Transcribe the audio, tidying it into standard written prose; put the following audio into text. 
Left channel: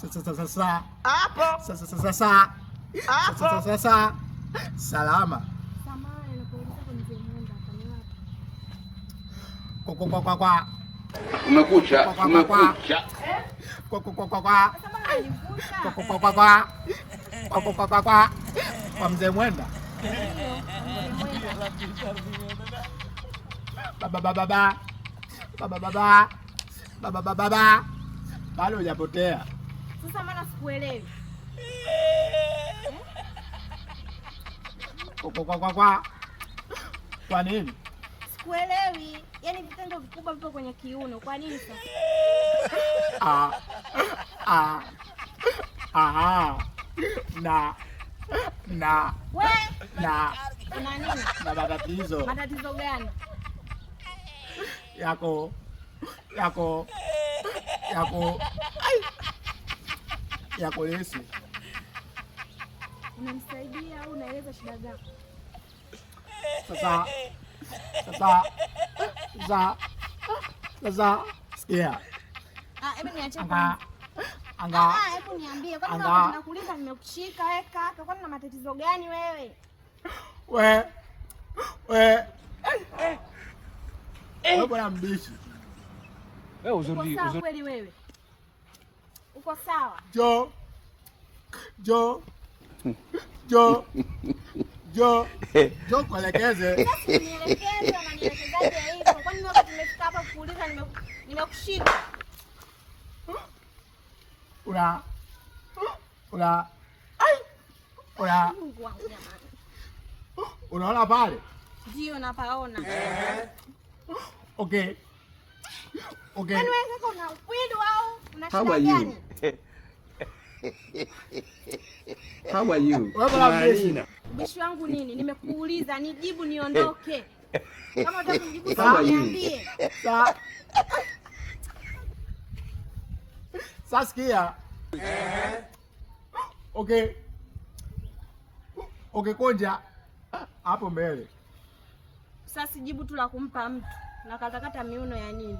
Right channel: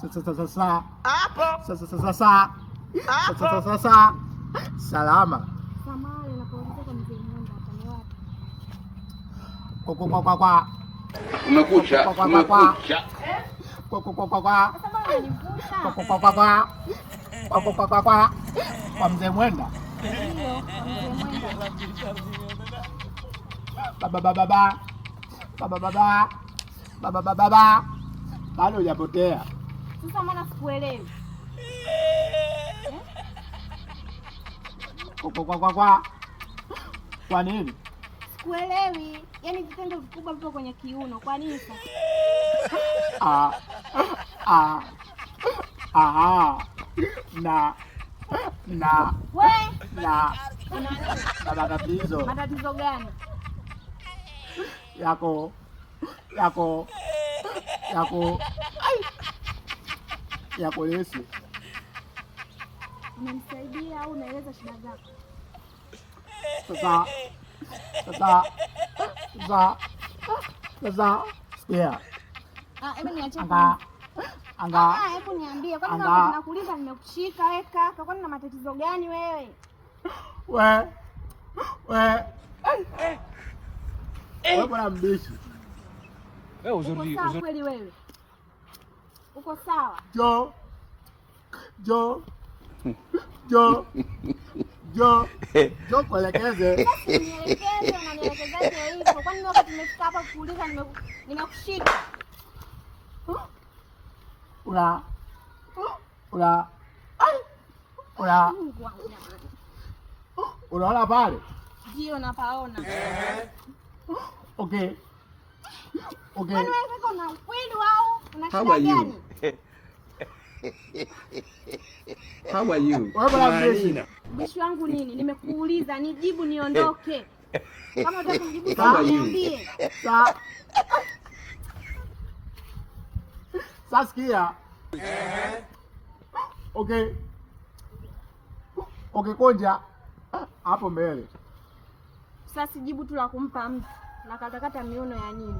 Sasa hapo. Sasa salama. Samahani nakuuliza kwa mzee Mwenda hapa ni wapi? Kwa. Umekucha. Sasa bana nivuta. Kwa mzee Mwenda. Ndio, Baba. Bado hujapotea. Sasa maana sikuelewi. Kwa nini? Sikuelewi. Yaani vitendo vikubwa vipo kwenye kiuno. Kwa nini sasa? Na matatizo. Matatizo gani? Yako Yesu. Unamsaidia au unaeleza shida zako? Sasa sikia. Hebu niache. Hebu niambie kwa nini nakuuliza nimekushika weka? Kwa nini na matatizo gani wewe? Wewe bwana mbishi. Wewe uzuri kweli wewe. Uko sawa? Jo. Kuelekeze. Nielekeze, unanielekezaje hivyo? Kwa nini wakati nimefika hapa kuuliza nimekushika? Unaona pale? Ndio napaona. Okay. Kwani wewe uko na ukwidu au una shida gani? How are you? Marina. Bishi wangu nini? Nimekuuliza nijibu niondoke. Kama unataka kunijibu niambie. Sasa sikia. Okay, konja hapo mbele. Sasa jibu tu la kumpa mtu na katakata miuno ya nini?